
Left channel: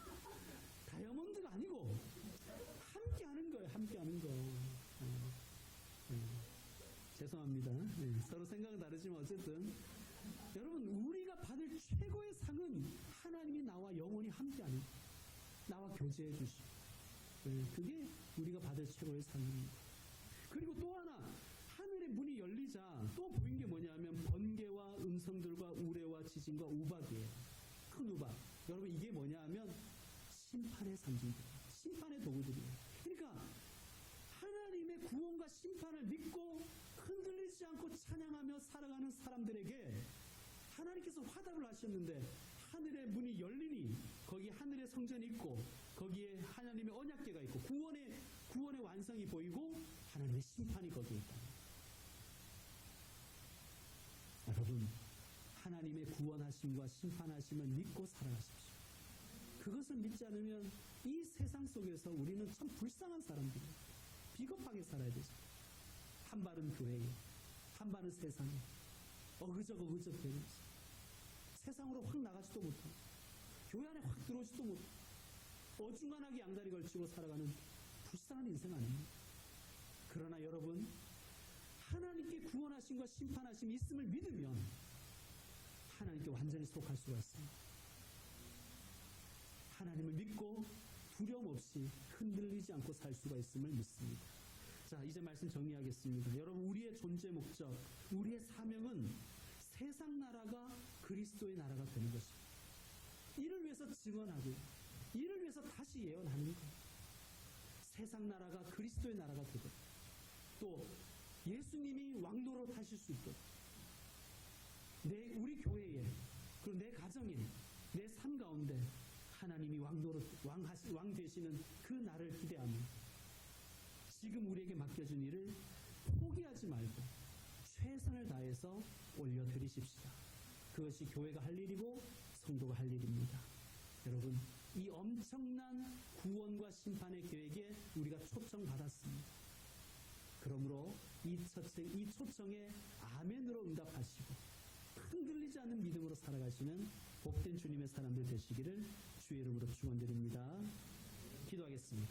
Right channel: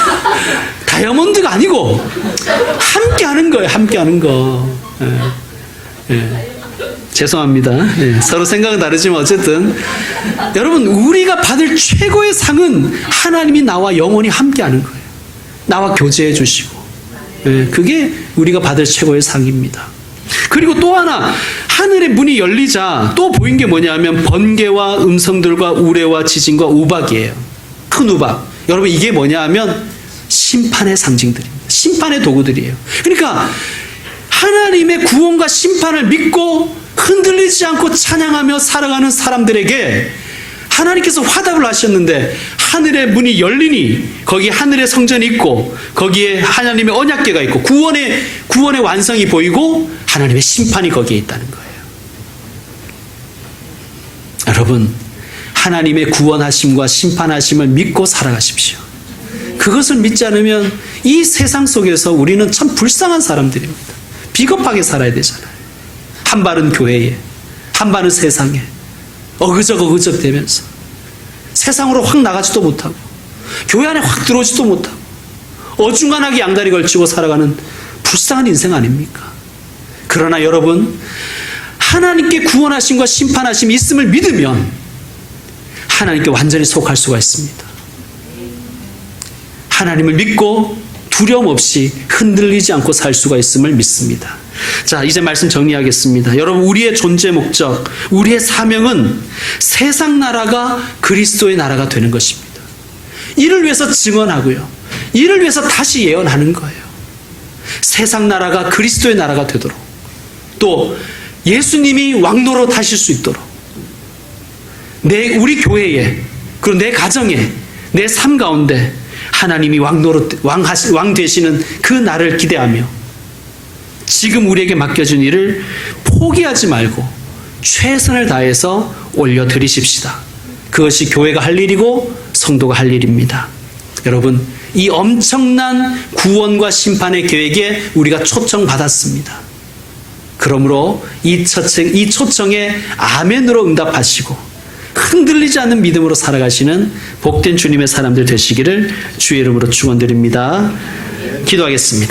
다이아몬드가 아니고 함께 하는 거예요. 함께 하는 거. 예. 예. 죄송합니다. 예. 서로 생각은 다르지만 어쨌든 여러분, 우리가 받을 최고의 상은 하나님이 나와 영원히 함께 하는 거예요. 나와 교제해 주시고. 예. 그게 우리가 받을 최고의 상입니다. 그리고 또 하나, 하늘의 문이 열리자 또 보인 게 뭐냐면 번개와 음성들과 우레와 지진과 우박이에요. 큰 우박. 여러분, 이게 뭐냐 하면 심판의 상징들입니다. 심판의 도구들이에요. 그러니까 하나님의 구원과 심판을 믿고 흔들리지 않고 찬양하며 살아가는 사람들에게 하나님께서 화답을 하셨는데 하늘의 문이 열리니 거기 하늘의 성전이 있고 거기에 하나님의 언약궤가 있고 구원의 완성이 보이고 하나님의 심판이 거기에 있다는 거예요. 여러분, 하나님의 구원하심과 심판하심을 믿고 살아가십시오. 그것을 믿지 않으면 이 세상 속에서 우리는 참 불쌍한 사람들입니다. 비겁하게 살아야 되잖아요. 한 발은 교회에, 한 발은 세상에 어그적 되면서 세상으로 확 나가지도 못하고 교회 안에 확 들어오지도 못하고 어중간하게 양다리 걸치고 살아가는 불쌍한 인생 아닙니까? 그러나 여러분, 하나님께 구원하심과 심판하심이 있음을 믿으면 하나님께 완전히 속할 수가 있습니다. 하나님을 믿고 두려움 없이 흔들리지 않고 살 수가 있음을 믿습니다. 자, 이제 말씀 정리하겠습니다. 여러분, 우리의 존재 목적, 우리의 사명은 세상 나라가 그리스도의 나라가 되는 것입니다. 이를 위해서 증언하고요. 이를 위해서 다시 예언하는 거예요. 세상 나라가 그리스도의 나라가 되도록, 또 예수님이 왕노릇 하실 수 있도록 우리 교회에, 그리고 내 가정에, 내 삶 가운데 하나님이 왕 되시는 그 날을 기대하며 지금 우리에게 맡겨준 일을 포기하지 말고 최선을 다해서 올려드리십시다. 그것이 교회가 할 일이고 성도가 할 일입니다. 여러분, 이 엄청난 구원과 심판의 계획에 우리가 초청받았습니다. 그러므로 이 초청에 아멘으로 응답하시고 흔들리지 않는 믿음으로 살아가시는 복된 주님의 사람들 되시기를 주의 이름으로 축원드립니다. 기도하겠습니다.